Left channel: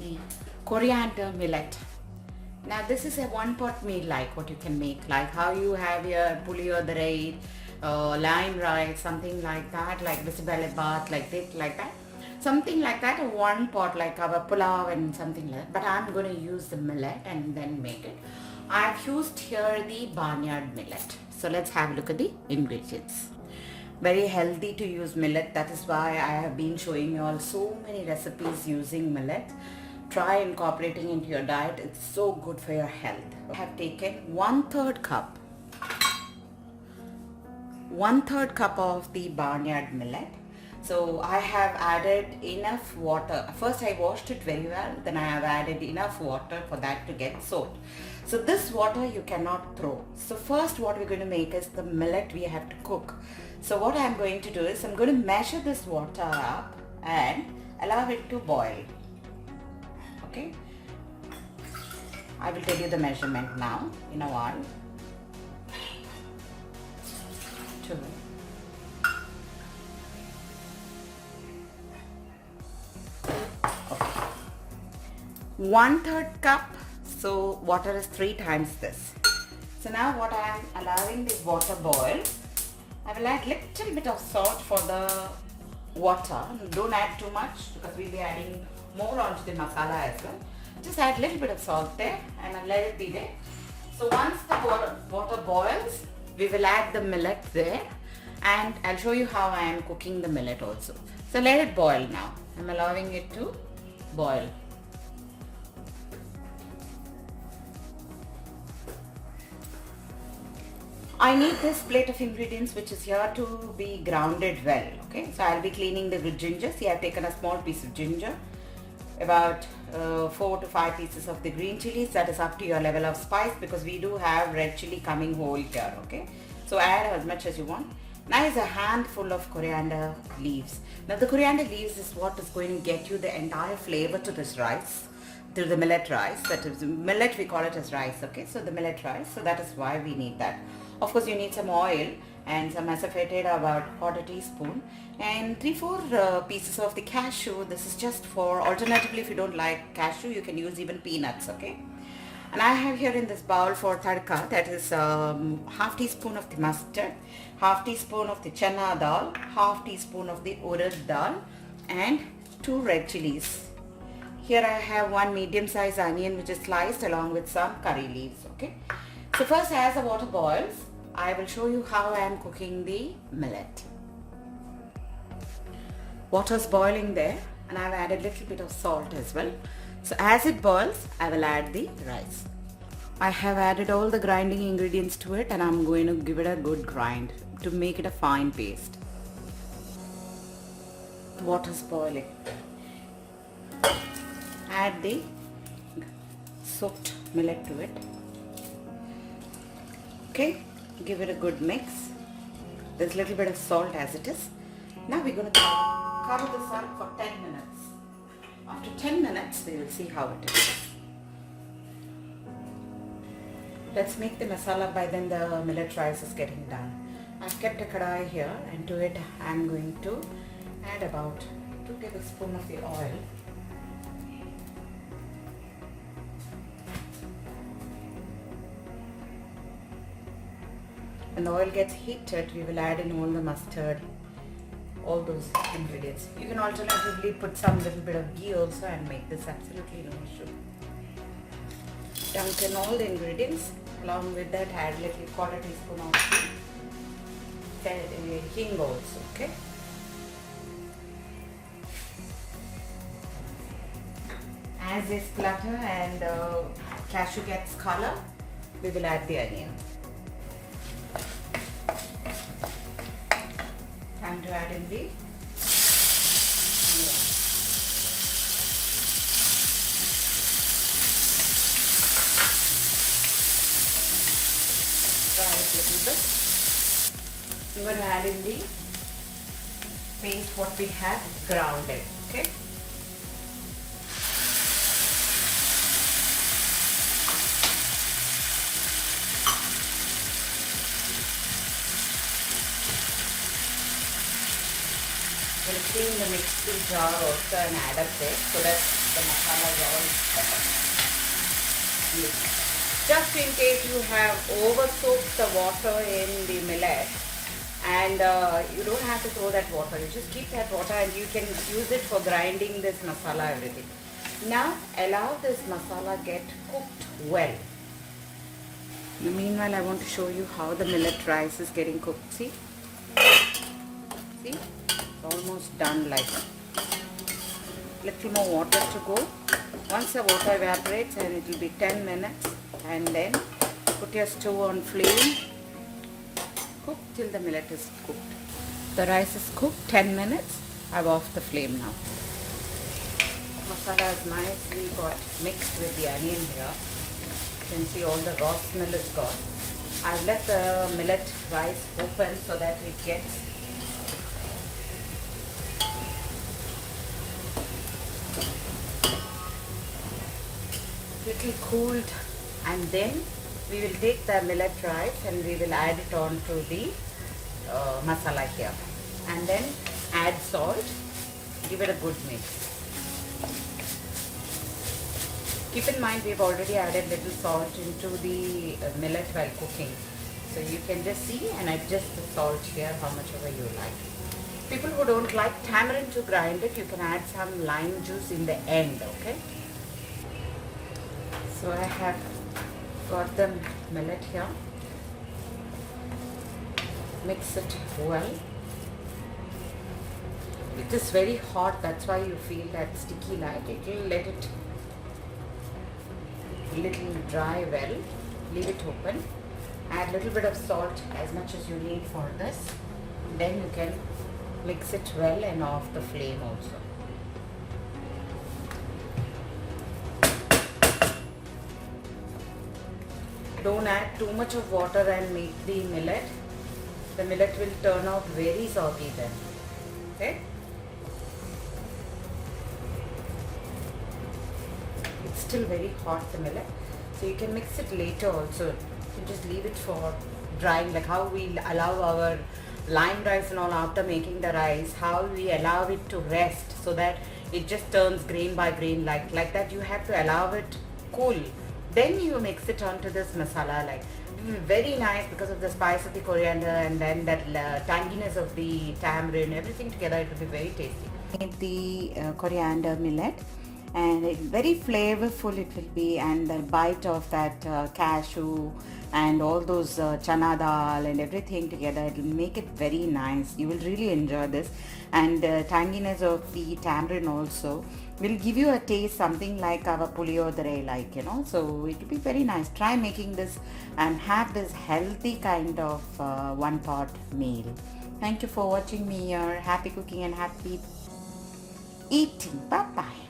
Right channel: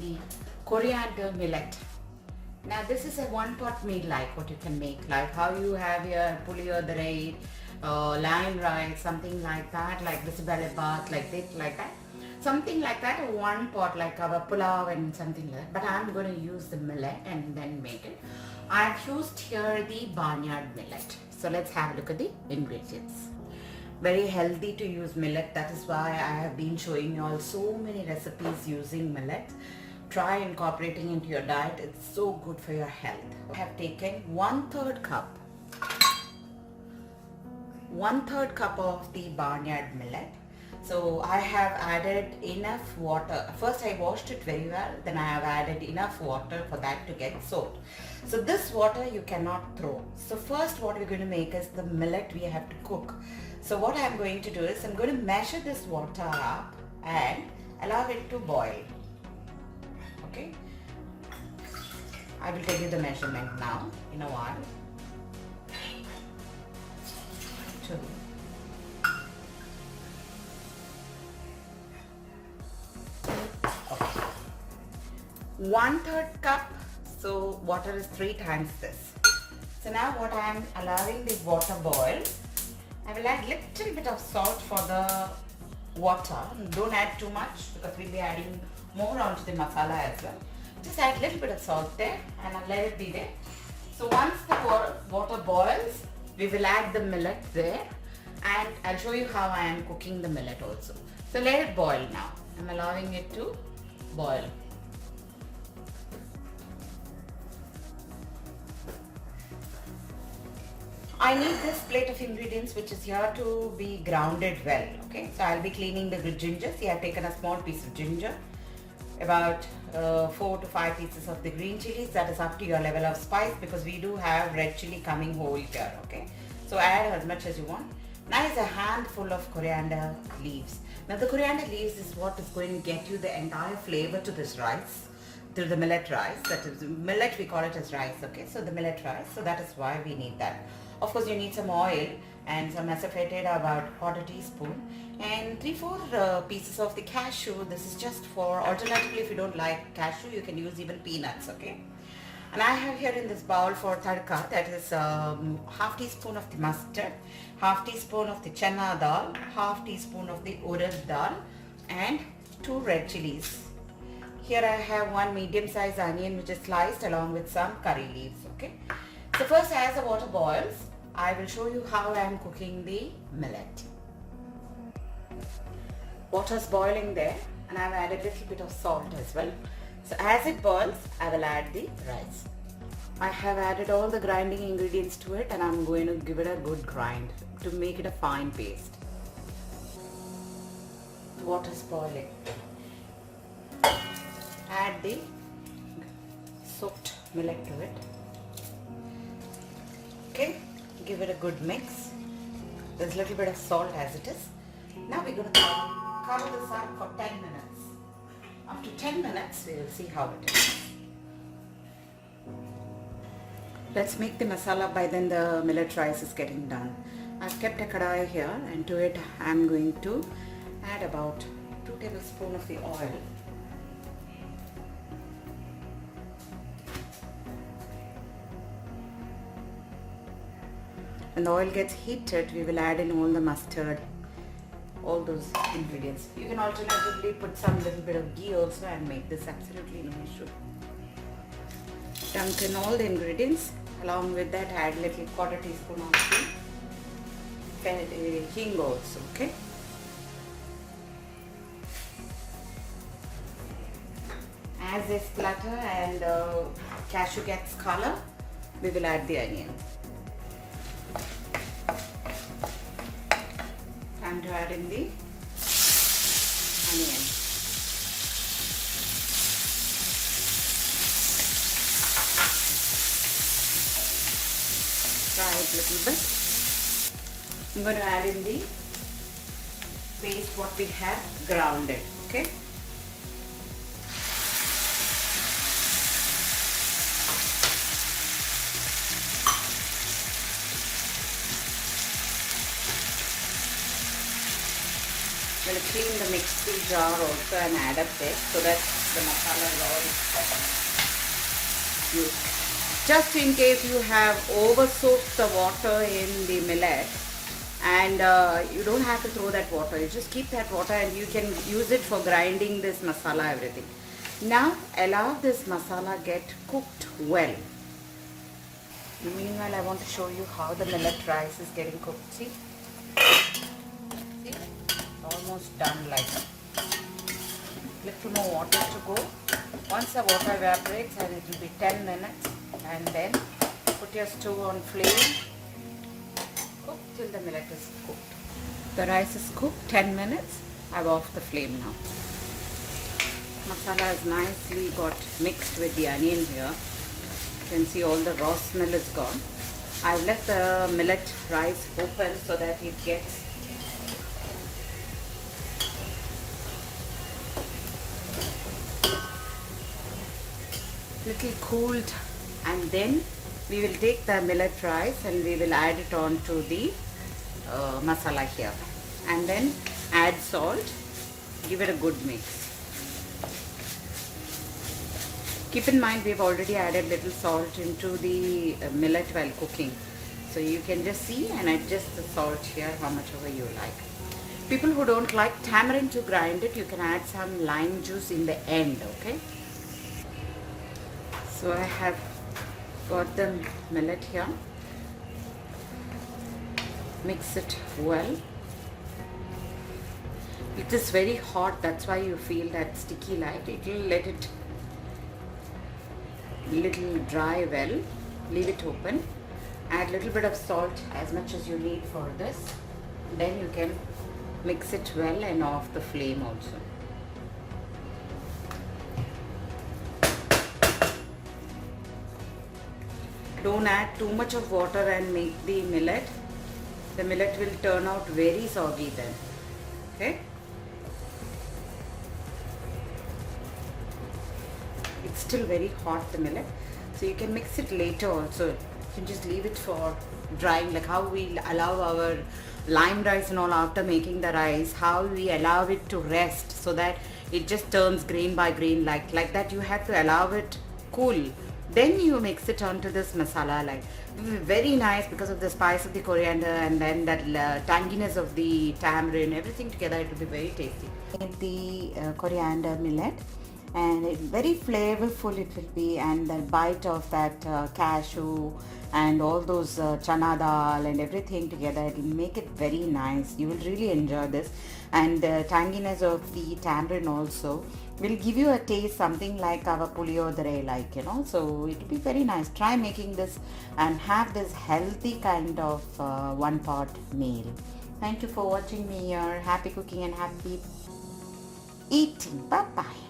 the coriander millet. Now this is a one pot meal like what you can make, like how you have your puliyodare, lime rice, something like that, like bisbele bath, like this, like that. Something like that, a one pot like our pulao and something like that. But I'm going to use the millet and then make it. I've used here the barnyard millet. So let's have a look at the ingredients. Very healthy to use millet. That is why I have been showing you all so many recipes using millet. Try incorporating into your diet. It's so good for your health. I have taken 1/3 cup. 1/3 cup of the barnyard millet. So I have added enough water. First I washed it very well. Then I have added enough water for that to get soaked. So this water you cannot throw. So first what we're going to make is the millet we have to cook. So what I'm going to do is I'm going to measure this water up and allow it to boil. Okay, I will tell you the measurement now in a 1, 2, 1/3 cup. So water is 3 times this. So now what I am allowing this water boil, I will add little bit of salt for the water. Don't add too much because we'll be adding more onto the masala as well. Just add a little bit of salt there and I'll let it be there. So once the water boils, we will add the millet there and I'll show you how I am cooking the millet also. So let it boil now. I'm allowing it to boil. I need this plate of ingredients which is here to be grounded well. Okay, so I'll be cleaning the ginger. See, I've taken a small piece of ginger, about 4 to 5 pieces of the green chilies. That is up to your level of spice because we do have red chili coming whole here. Okay, so add as much as you want. Now is a handful of coriander leaves. Now the coriander leaves is what is going to get you the entire flavor to this rice, to the millet rice. That is millet, we call it as rice. Okay, so the millet rice. So that is why we need that. Of course, you need some oil and some asafoetida, about 1/4 teaspoon, and 3-4 pieces of the cashew. This is just for, alternatively, if you don't like cashew, you can use even peanuts. Okay. And I have here in this bowl for tadka, that is 1/2 teaspoon of the mustard, 1/2 teaspoon of the chana dal, 1/2 teaspoon of the urad dal, and 2 red chilies. Here I have 1 medium-sized onion which is sliced along with some curry leaves. Okay. So first, as the water boils, I will show you how I am cooking the millet. Water's boiling there and I've added a little bit of salt as well. So as it boils, I will add the rice. I have added all the grinding ingredients to it and I'm going to give it a good grind to make it a fine paste. Water's boiling. Add the soaked millet to it. Okay, give it a good mix. There's a little bit of salt as it is. Now we're going to cover this up for 10 minutes. After 10 minutes, we will see how it is. Let's make the masala. By then the millet rice is getting done. I've kept a kadai here and to it I'm going to add about 2 tablespoons of the oil. When the oil gets heated, we will add in all the mustard, all those ingredients. You can alternatively put some little bit of ghee also and make this absolutely no issue. Dunk in all the ingredients. Along with that, add a little 1/4 teaspoon of the hing also. Okay. As they splutter and cashew gets color, we will add the onion. Time to add in the onion. Fry it a little bit. I'm going to add in the paste what we have grounded. Okay. I'm going to clean the mixing jar also and add up it so that the masala is all good. Just in case you have over soaked the water in the millet, and you don't have to throw that water, you just keep that water and you can use it for grinding this masala, everything. Now allow this masala get cooked well. Meanwhile, I want to show you how the millet rice is getting cooked. See, almost done. Like little more water to go. Once the water evaporates, and it will be 10 minutes, and then put your stove on flame. Cook till the millet is cooked. The rice is cooked 10 minutes. I've off the flame now. Masala has nicely got mixed with the onion here. You can see all the raw smell is gone. I've left the millet rice open so that it gets little cooled, and then we will take the millet rice and we will add it on to the masala here, and then add salt, give it a good mix. Keep in mind, we've already added little salt into the millet while cooking, so you can just see and adjust the salt here how much ever you like. People who don't like tamarind to grind it, you can add some lime juice in the end. Okay, so I have got the millet here. Mix it well. It is very hot, that's why you feel that sticky like. It will let it little dry well. Leave it open. Add little bit of salt as much as you need for this. Then you can mix it well and off the flame also. Don't add too much of water and make the millet. The millet will turn out very soggy then. Okay? It's still very hot, the millet, so you can mix it later also. You can just leave it for drying, like how we allow our lime rice and all after making the rice, how we allow it to rest so that it just turns grain by grain like that. You have to allow it cool, then you mix it onto this masala. Like very nice because of the spice of the coriander and then that tanginess of the tamarind, everything together, it will be very tasty. The coriander millet, and it's very flavorful it will be, and the bite of that cashew and all those chana dal and everything together, it will make it very nice. You will really enjoy this, and the tanginess of the tamarind also will give you a taste something like our puliyodare, like, you know, so it will be very nice. Try making this and have this healthy kind of one pot meal. Thank you for watching me here. Happy cooking and happy eating. Bye bye.